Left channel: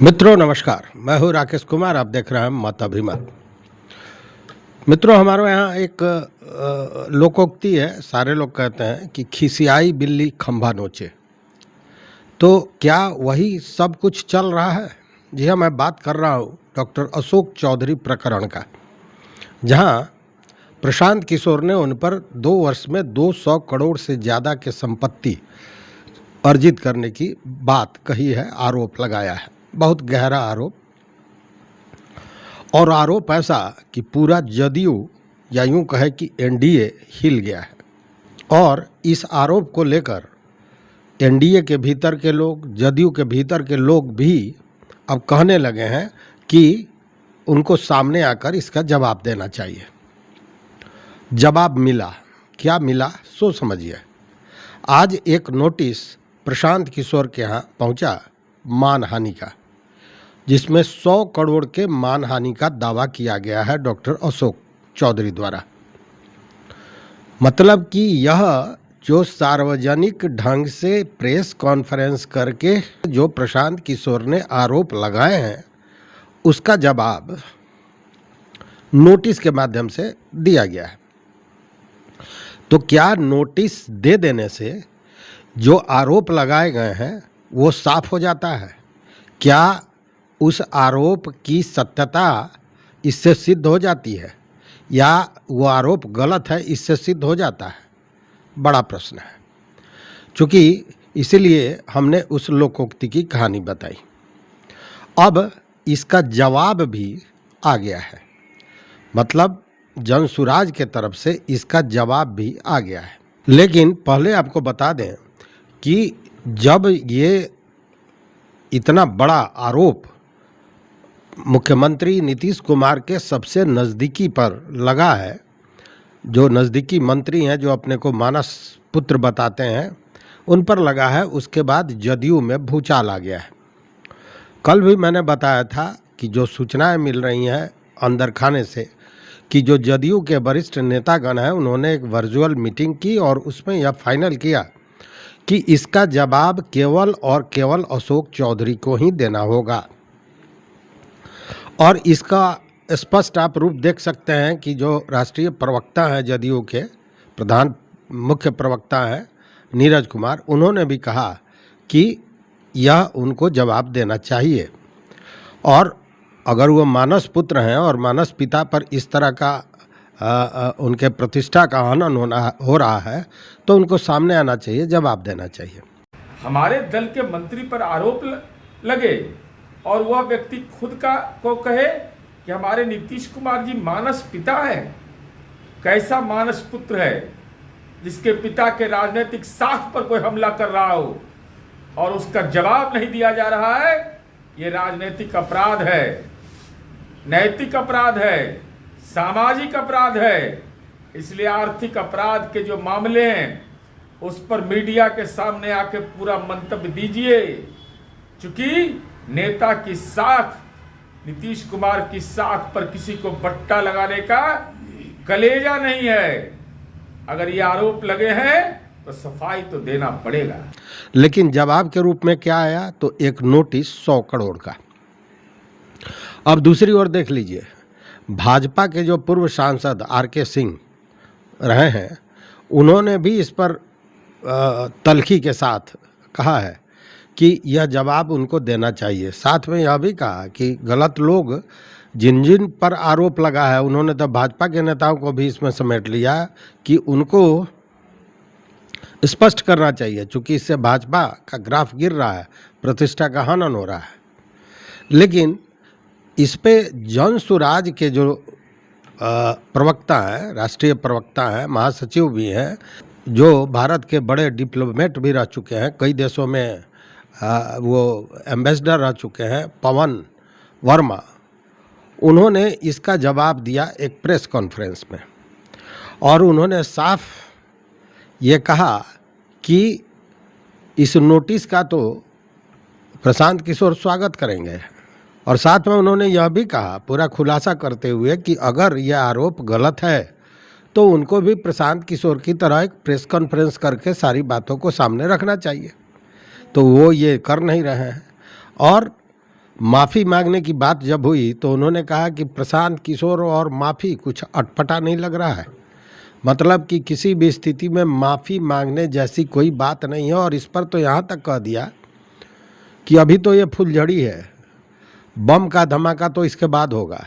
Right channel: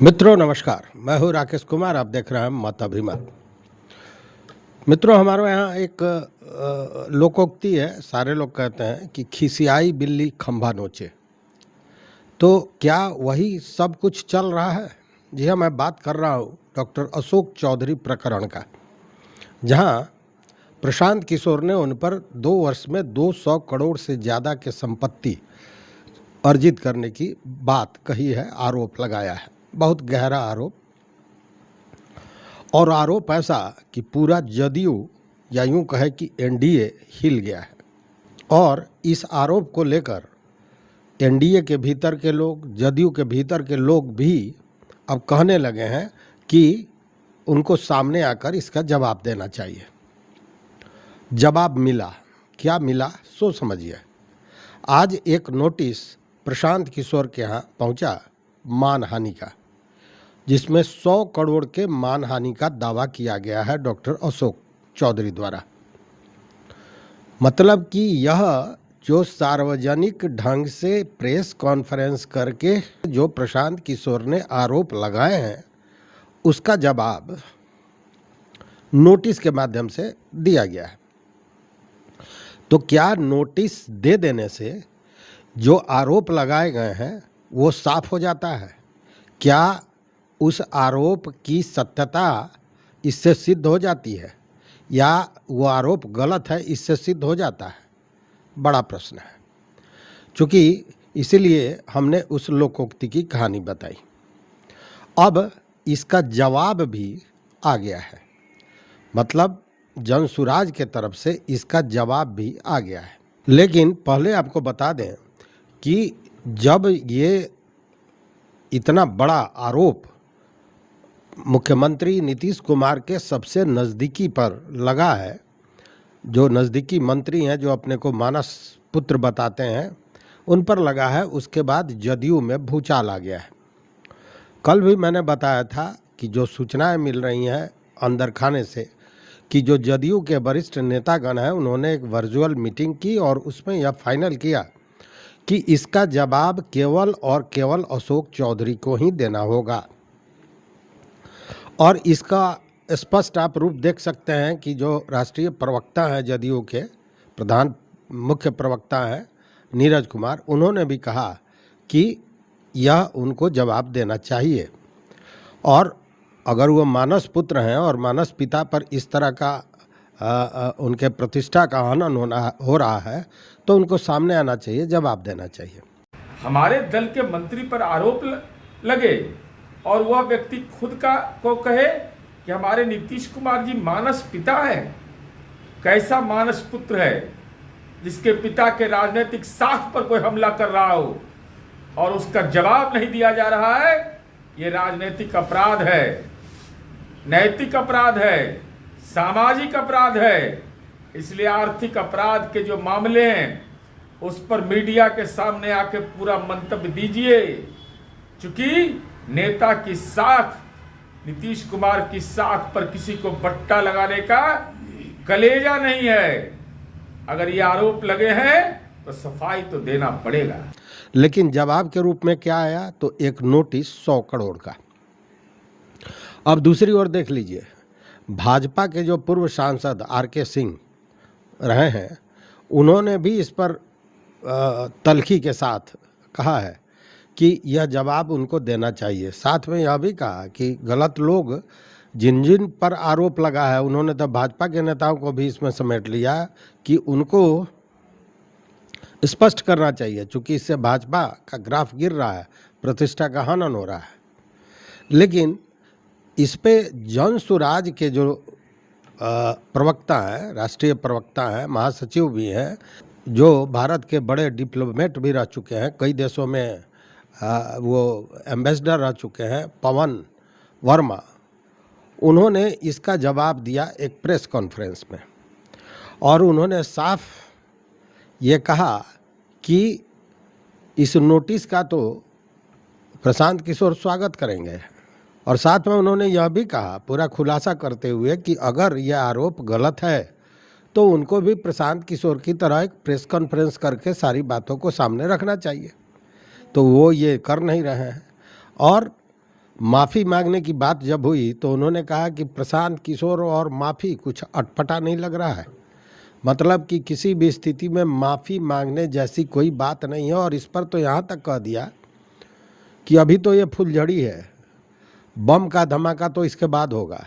मित्रों नमस्कार, मैं हूं राकेश कुमार। आप देख रहे हैं मत अभिमत। मित्रों, हमारे यहाँ एक लोकोक्ति है। सारे लोग कहते हैं कि खिसियाई बिल्ली खंभा नोचे। तो क्या वही सब कुछ चल रहा है? जी हाँ, मैं बात कर रहा हूँ डॉक्टर अशोक चौधरी प्रकरण का, जहाँ प्रशांत किशोर ने उन पर 2 वर्ष में 200 करोड़ से ज़्यादा के संपत्ति अर्जित करने की बात कही है, आरोप लगाया है। बहुत गहरा आरोप, और आरोप ऐसा कि पूरा जदयू या यूं कहे कि एनडीए हिल गया है। और इस आरोप को लेकर एनडीए के भीतर के लोग, जदयू के भीतर के लोग भी अब कहने लगे हैं कि उनको सामने आकर इसका जवाब देना चाहिए। जवाब मिला, क्या मिला सो समझिए। आज एक नोटिस प्रशांत किशोर के यहाँ पहुंचा मानहानि का, जिसमें 100 करोड़ के मानहानि का दावा किया गया है डॉक्टर अशोक चौधरी द्वारा। मतलब कि यह जो सार्वजनिक ढंग से प्रेस कॉन्फ्रेंस करके जो प्रशांत किशोर ने आरोप लगाए हैं, उसका जवाब नोटिस के माध्यम से दिया गया है। तो क्या नोटिस दे देने से जो आरोप लगाए गए हैं वो साफ हो जाता है? क्या उस आरोप की सत्यता इससे सिद्ध हो जाती है, या वो आरोप गलत है इससे सिद्ध हो जाता है? बड़ा प्रश्न है। चूँकि इसीलिए हमने उस लोकोक्ति की कहानी बताई। अब इसका जवाब भी आ गया है, मतलब जनसुराज के तरफ से इसका जवाब भी आ गया है। लेकिन पहले आपको बता दें कि जब ये इतना बड़ा आरोप मुख्यमंत्री नीतीश कुमार के सबसे नज़दीकी पर लगा है, जो नज़दीकी मंत्री हैं, जो अपने को मानस पुत्र बताते हैं, उन पर लगा है, उसके बाद जदयू में भूचाल आ गया है। कल भी मैंने बताया था कि जो सूचनाएं मिल रही हैं अंदर खाने से, कि जो जदयू के वरिष्ठ नेतागण हैं, उन्होंने एक वर्चुअल मीटिंग की और उसमें यह फाइनल किया कि इसका जवाब केवल और केवल अशोक चौधरी को ही देना होगा। और इसका स्पष्ट आप रूप देख सकते हैं कि जो राष्ट्रीय प्रवक्ता हैं, जदयू के प्रधान मुख्य प्रवक्ता हैं नीरज कुमार, उन्होंने भी कहा कि यह उनको जवाब देना चाहिए। और अगर वो मानस पुत्र हैं और मानस पिता पर इस तरह का उनके प्रतिष्ठा का हनन हो रहा है, तो उनको सामने आना चाहिए, जवाब देना चाहिए। हमारे दल के मंत्री पर आरोप लगे और वह व्यक्ति खुद को कहे कि हमारे नीतीश कुमार जी मानस पिता है। कैसा मानस पुत्र है जिसके पिता के राजनीतिक साख पर कोई हमला कर रहा हो और उसका जवाब नहीं दिया जा रहा है? ये राजनीतिक अपराध है, नैतिक अपराध है, सामाजिक अपराध है। इसलिए आर्थिक अपराध के जो मामले हैं उस पर मीडिया के सामने आके पूरा मंतव्य दीजिए। चूंकि नेता की साख, नीतीश कुमार की साख पर किसी को बट्टा लगाने का कलेजा नहीं है। अगर ये आरोप लगे हैं तो सफाई तो देना पड़ेगा। लेकिन जवाब के रूप में क्या आया? तो एक नोटिस 100 करोड़ का। अब दूसरी ओर देख लीजिए, भाजपा के जो पूर्व सांसद आर.के. सिंह रहे हैं, उन्होंने भी इस पर तल्खी के साथ कहा है कि यह जवाब उनको देना चाहिए। साथ में यह भी कहा कि गलत लोग जिन जिन पर आरोप लगा है, उन्होंने तो भाजपा के नेताओं को भी इसमें समेट लिया कि उनको स्पष्ट करना चाहिए, क्योंकि इससे भाजपा का ग्राफ गिर रहा है, प्रतिष्ठा का हनन हो रहा है। लेकिन इस पे जनसुराज के जो प्रवक्ता हैं, राष्ट्रीय प्रवक्ता हैं, महासचिव भी हैं, जो भारत के बड़े डिप्लोमेट भी रह चुके हैं, कई देशों में वो एम्बेसडर रह चुके हैं, पवन वर्मा, उन्होंने इसका जवाब दिया एक प्रेस कॉन्फ्रेंस में। और उन्होंने साफ ये कहा कि इस नोटिस का तो प्रशांत किशोर स्वागत करेंगे। और साथ में उन्होंने यह भी कहा, पूरा खुलासा करते हुए, कि अगर यह आरोप गलत है तो उनको भी प्रशांत किशोर की तरह एक प्रेस कॉन्फ्रेंस करके सारी बातों को सामने रखना चाहिए। तो वो ये कर नहीं रहे हैं। और माफ़ी मांगने की बात जब हुई तो उन्होंने कहा कि प्रशांत किशोर और माफ़ी कुछ अटपटा नहीं लग रहा है। मतलब कि किसी भी स्थिति में माफ़ी मांगने जैसी कोई बात नहीं है। और इस पर तो यहाँ तक कह दिया कि अभी तो ये फुलझड़ी है, बम का धमाका तो इसके बाद होगा।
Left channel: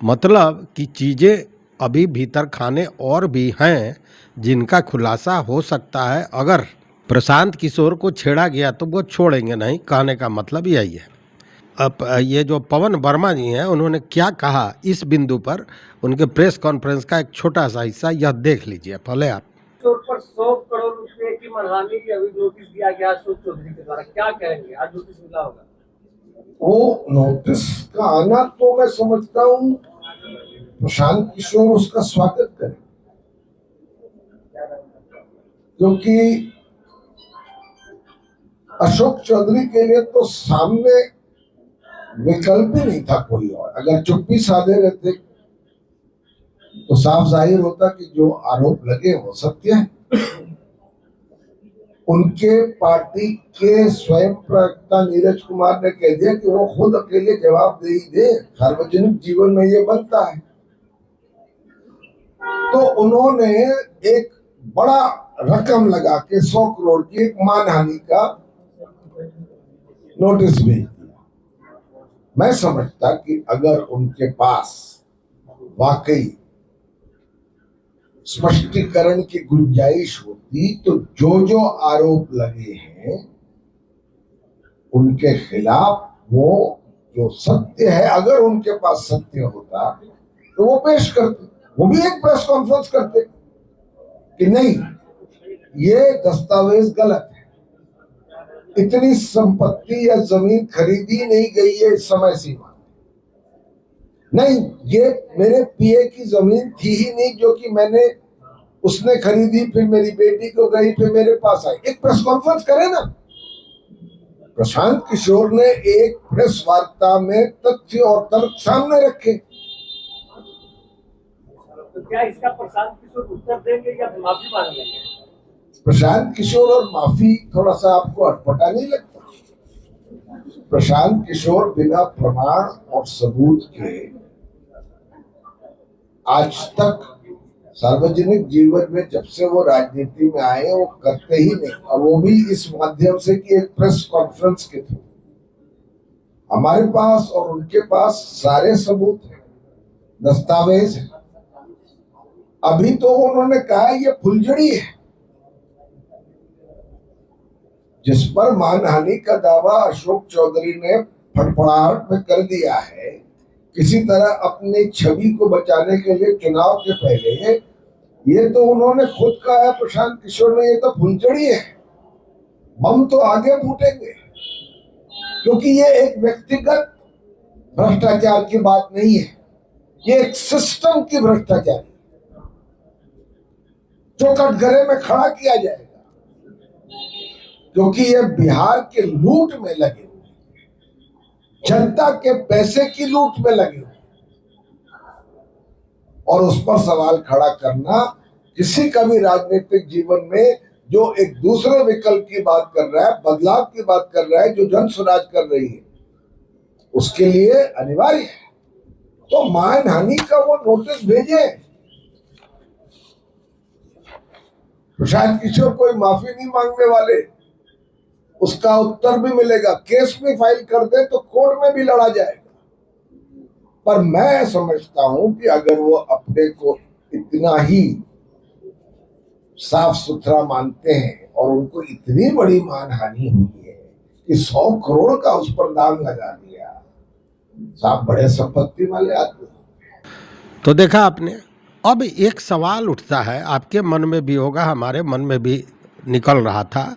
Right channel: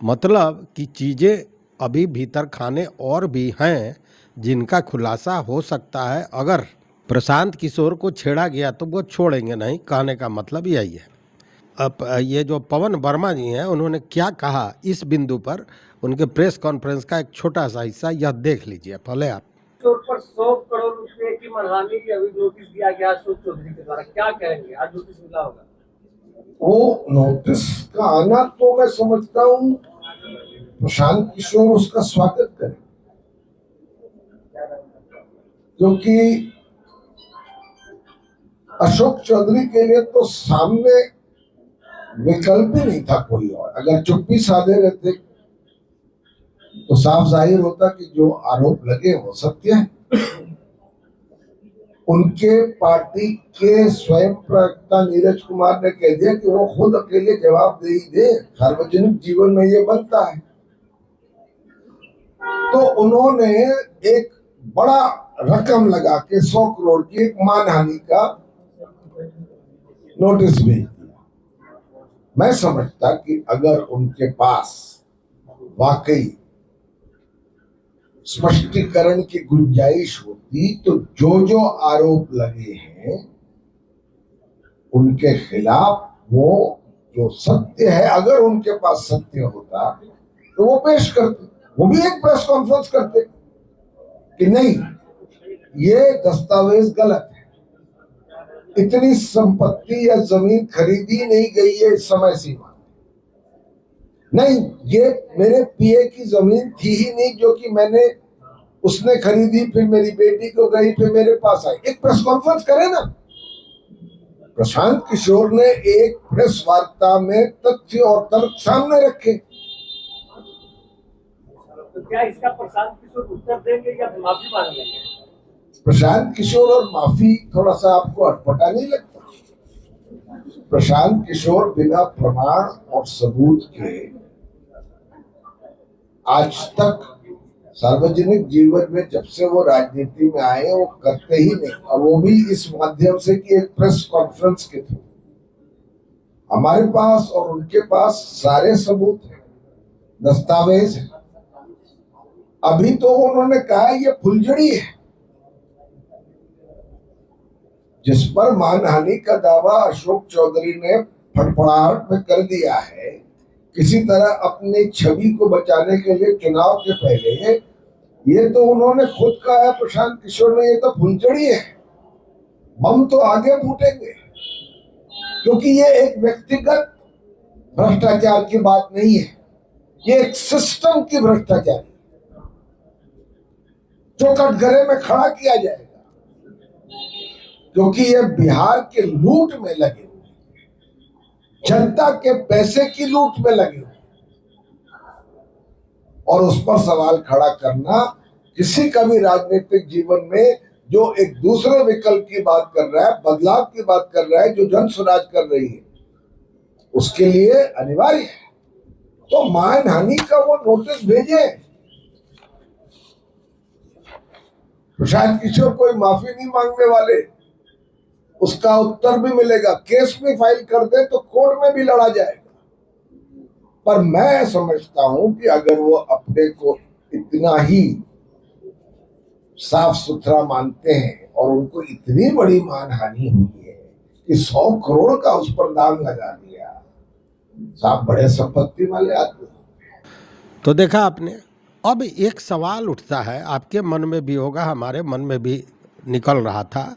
मतलब कि चीज़ें अभी भीतर खाने और भी हैं जिनका खुलासा हो सकता है। अगर प्रशांत किशोर को छेड़ा गया तो वो छोड़ेंगे नहीं, कहने का मतलब यही है। अब ये जो पवन वर्मा जी हैं उन्होंने क्या कहा इस बिंदु पर, उनके प्रेस कॉन्फ्रेंस का एक छोटा सा हिस्सा यह देख लीजिए पहले आप। तौर पर 100 करोड़ रुपए की मनहानि की अभी नोटिस दिया गया अशोक चौधरी के द्वारा, क्या कहेंगे? आज नोटिस मिला होगा। वो नोटिस का आना तो मैं समझता हूँ प्रशांत किशोर उसका स्वागत करें, क्योंकि अशोक चौधरी के लिए तो सामने विकल्प ही नहीं था कोई और। अगर चुप्पी साधे रहते तो साफ जाहिर होता कि जो आरोप लगे वो सत्य है। उनके पार्टी के स्वयं प्रवक्ता नीरज कुमार ने कह दिया कि वो खुद अकेले जवाबदेही दे, सार्वजनिक जीवन में ये बनता है। तो उन्होंने एक बड़ा रकम लगा के 100 करोड़ की एक मानहानि का नोटिस भेज दिया। मैं समझता कि अगर उनके पास वाकई स्पष्टीकरण की गुंजाइश होती तो जो आरोप लगे हैं उनके खिलाफ वो जो सत्य है, अगर उनके पास सत्य होता तो वो पेश करते, वो भी एक प्रेस कॉन्फ्रेंस करते कि नहीं ये दस्तावेज गलत है, इतनी संपत्ति या जमीन खरीदी नहीं गई है इस समय सीमा, नहीं ये मेरे पीए की जमीन थी ही नहीं जो कि मैंने उसने खरीदी, फिर मेरी बेटी को गई, फिर मेरे पास आई। एक प्रेस कॉन्फ्रेंस करे ना। प्रशांत किशोर ने एक प्रेस वार्ता में तथ्य और तर्क सामने रखे। तो क्या इसका प्रशांत किशोर उत्तर देंगे या माफी मांग लेंगे? प्रशांत किशोर और माफी थोड़ा सा आपको अटपटा नहीं लगता? प्रशांत किशोर बिना प्रमाण और सबूत के आज तक सार्वजनिक जीवन में जब से वो राजनीति में आए वो करते ही नहीं, और वो भी इस माध्यम से कि एक प्रेस कॉन्फ्रेंस के थ्रू। हमारे पास और उनके पास सारे सबूत हैं, दस्तावेज है। अभी तो उन्होंने कहा ये फुलझड़ी है जिस पर मानहानि का दावा अशोक चौधरी ने फड़फड़ाहट में कर दिया है। किसी तरह अपनी छवि को बचाने के लिए चुनाव के पहले ये तो उन्होंने खुद कहा है प्रशांत किशोर ने, ये तो फुलझड़ी है, बम तो आगे फूटेंगे। क्योंकि ये एक व्यक्तिगत भ्रष्टाचार की बात नहीं है, ये एक सिस्टम की भ्रष्टाचार है जो कटघरे में खड़ा किया जाएगा, क्योंकि ये बिहार के लूट में लगे हुए, जनता के पैसे की लूट में लगे हुए, और उस पर सवाल खड़ा करना किसी का भी राजनीतिक जीवन में जो एक दूसरे विकल्प की बात कर रहा है, बदलाव की बात कर रहा है, जो जन स्वराज कर रही है, उसके लिए अनिवार्य है। तो मानहानि का वो नोटिस भेजे। प्रशांत किशोर कोई माफी नहीं मांगने वाले, उसका उत्तर भी मिलेगा, केस भी फाइल कर दे तो कोर्ट में भी लड़ा जाएगा। पर मैं समझता हूं कि अगर वो अपने को इतना ही साफ सुथरा मानते हैं और उनको इतनी बड़ी मानहानि हुई है कि 100 करोड़ का उस पर दाम लगा दिया, साफ बड़े संपत्ति वाले आदमी। तो देखा आपने। अब एक सवाल उठता है, आपके मन में भी होगा, हमारे मन में भी निकल रहा था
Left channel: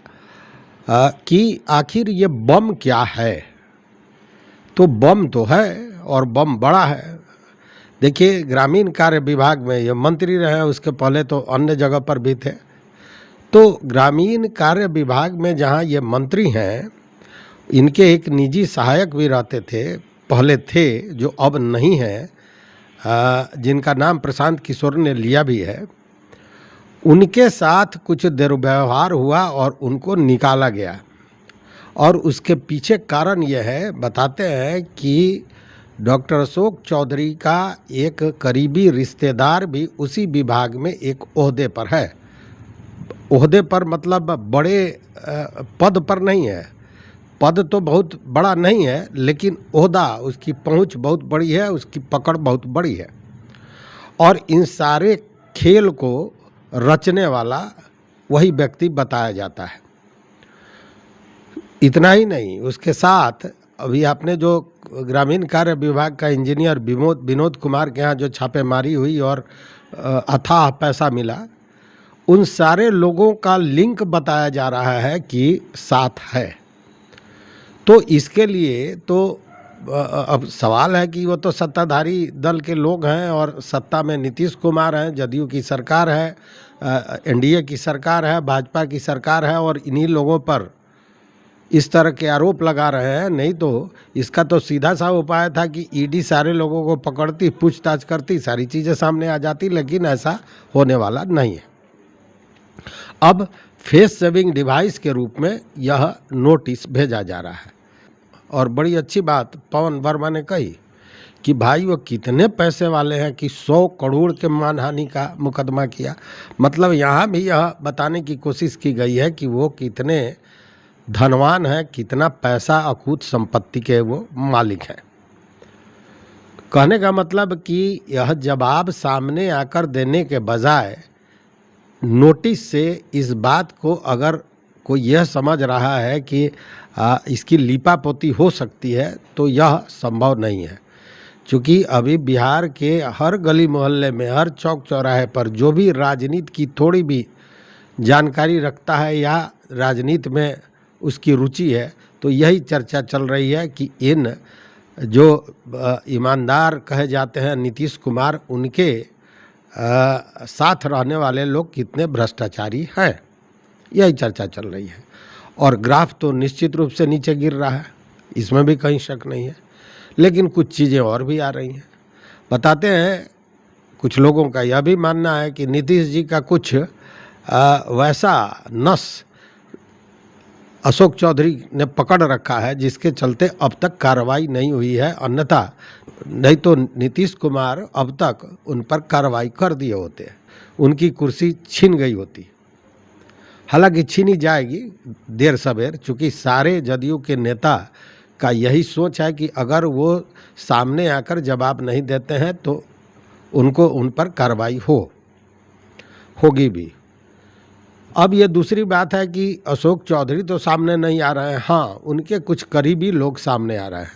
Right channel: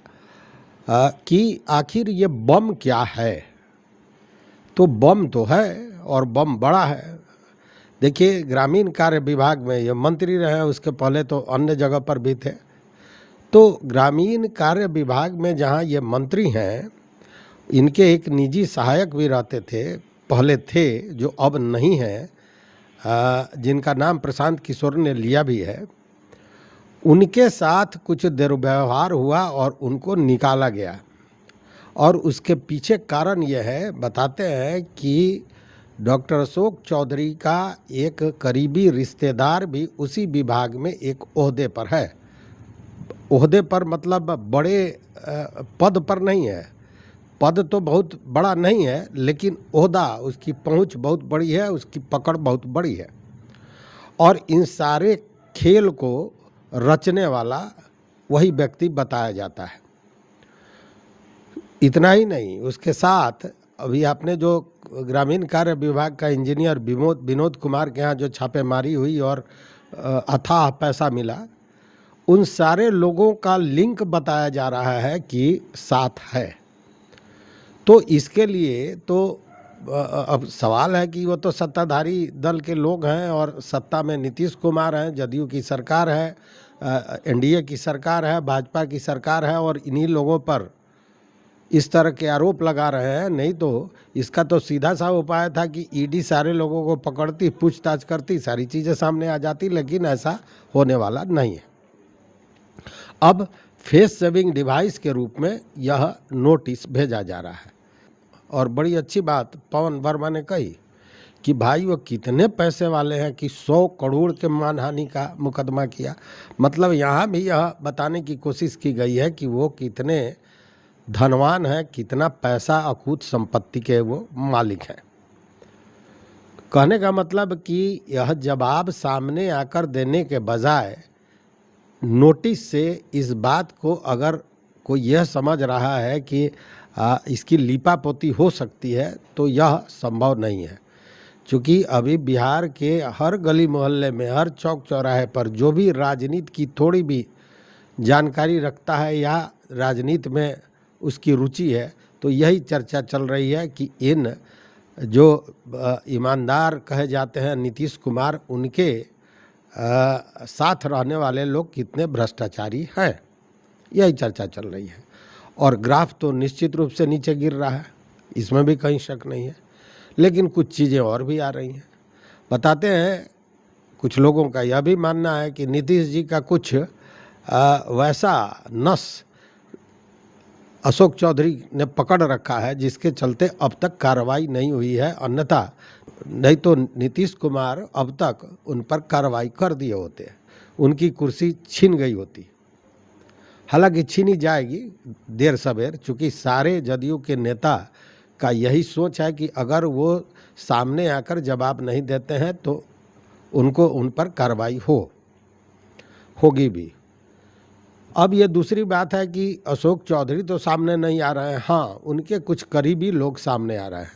कि आखिर ये बम क्या है। तो बम तो है और बम बड़ा है। देखिए, ग्रामीण कार्य विभाग में ये मंत्री रहे, उसके पहले तो अन्य जगह पर भी थे। तो ग्रामीण कार्य विभाग में जहाँ ये मंत्री हैं, इनके एक निजी सहायक भी रहते थे, पहले थे, जो अब नहीं हैं, जिनका नाम प्रशांत किशोर ने लिया भी है। उनके साथ कुछ दुर्व्यवहार हुआ और उनको निकाला गया। और उसके पीछे कारण यह है, बताते हैं कि डॉक्टर अशोक चौधरी का एक करीबी रिश्तेदार भी उसी विभाग में एक ओहदे पर है। ओहदे पर मतलब बड़े पद पर नहीं है, पद तो बहुत बड़ा नहीं है, लेकिन ओहदा, उसकी पहुंच बहुत बड़ी है, उसकी पकड़ बहुत बड़ी है। और इन सारे खेल को रचने वाला वही व्यक्ति बताया जाता है। इतना ही नहीं, उसके साथ अभी आपने जो ग्रामीण कार्य विभाग का इंजीनियर विनोद कुमार के यहाँ जो छापेमारी हुई और अथाह पैसा मिला, उन सारे लोगों का लिंक बताया जा रहा है कि साथ है। तो इसके लिए तो अब सवाल है कि वो तो सत्ताधारी दल के लोग हैं और सत्ता में नीतीश कुमार हैं, जदयू की सरकार है, एनडीए की सरकार है, भाजपा की सरकार है, और इन्हीं लोगों पर इस तरह के आरोप लगा रहे हैं। नहीं तो इसका तो सीधा सा उपाय था कि ईडी सारे लोगों को पकड़ती, पूछताछ करती, सारी चीज़ें सामने आ जाती, लेकिन ऐसा होने वाला नहीं है। अब फेस सेविंग डिवाइस के रूप में यह नोटिस भेजा जा रहा है। और बड़ी अच्छी बात पवन वर्मा ने कही कि भाई वो कितने पैसे वाले हैं कि 100 करोड़ के मानहानि का मुकदमा किया। मतलब यहाँ भी यह बताने की कोशिश की गई है कि वो कितने धनवान हैं, कितना पैसा अकूत संपत्ति के वो मालिक हैं। कहने का मतलब कि यह जवाब सामने आकर देने के बजाय नोटिस से इस बात को अगर कोई यह समझ रहा है कि इसकी लीपापोती हो सकती है, तो यह संभव नहीं है। क्योंकि अभी बिहार के हर गली मोहल्ले में, हर चौक चौराहे पर जो भी राजनीति की थोड़ी भी जानकारी रखता है या राजनीति में उसकी रुचि है, तो यही चर्चा चल रही है कि इन जो ईमानदार कहे जाते हैं नीतीश कुमार, उनके साथ रहने वाले लोग कितने भ्रष्टाचारी हैं। यही चर्चा चल रही है। और ग्राफ तो निश्चित रूप से नीचे गिर रहा है, इसमें भी कहीं शक नहीं है। लेकिन कुछ चीज़ें और भी आ रही हैं। बताते हैं, कुछ लोगों का यह भी मानना है कि नीतीश जी का कुछ वैसा नस अशोक चौधरी ने पकड़ रखा है जिसके चलते अब तक कार्रवाई नहीं हुई है। अन्यथा नहीं तो नीतीश कुमार अब तक उन पर कार्रवाई कर दिए होते, उनकी कुर्सी छीन गई होती। हालांकि छीनी जाएगी देर सवेर, चूँकि सारे जदयू के नेता का यही सोच है कि अगर वो सामने आकर जवाब नहीं देते हैं तो उनको उन पर कार्रवाई होगी भी। अब ये दूसरी बात है कि अशोक चौधरी तो सामने नहीं आ रहे हैं, हाँ उनके कुछ करीबी लोग सामने आ रहे हैं।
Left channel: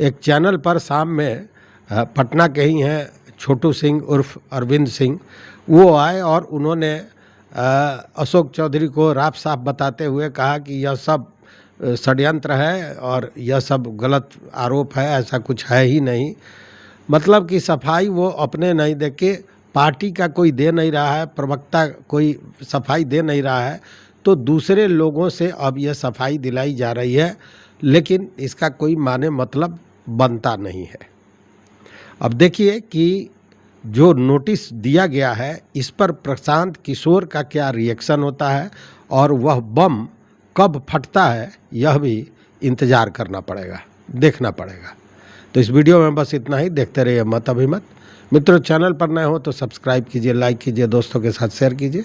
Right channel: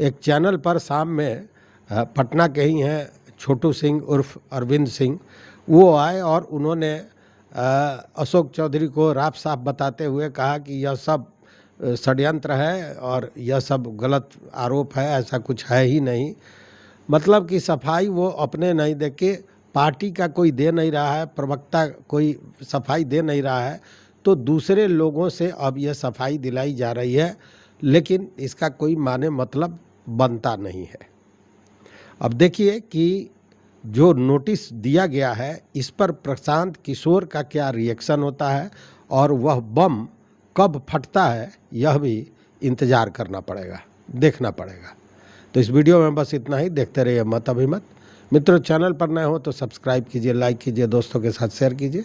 एक चैनल पर शाम में पटना के ही हैं छोटू सिंह उर्फ अरविंद सिंह, वो आए और उन्होंने अशोक चौधरी को राफ साफ बताते हुए कहा कि यह सब षड्यंत्र है और यह सब गलत आरोप है, ऐसा कुछ है ही नहीं। मतलब कि सफाई वो अपने नहीं दे के पार्टी का कोई दे नहीं रहा है, प्रवक्ता कोई सफाई दे नहीं रहा है, तो दूसरे लोगों से अब यह सफाई दिलाई जा रही है, लेकिन इसका कोई माने मतलब बनता नहीं है। अब देखिए कि जो नोटिस दिया गया है इस पर प्रशांत किशोर का क्या रिएक्शन होता है और वह बम कब फटता है, यह भी इंतज़ार करना पड़ेगा, देखना पड़ेगा। तो इस वीडियो में बस इतना ही। देखते रहिए मत अभिमत। मित्रों, चैनल पर नए हो तो सब्सक्राइब कीजिए, लाइक कीजिए, दोस्तों के साथ शेयर कीजिए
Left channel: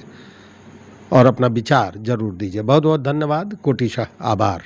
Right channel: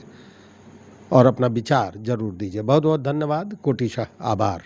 और अपना विचार जरूर दीजिए। बहुत बहुत धन्यवाद, कोटिशः आभार।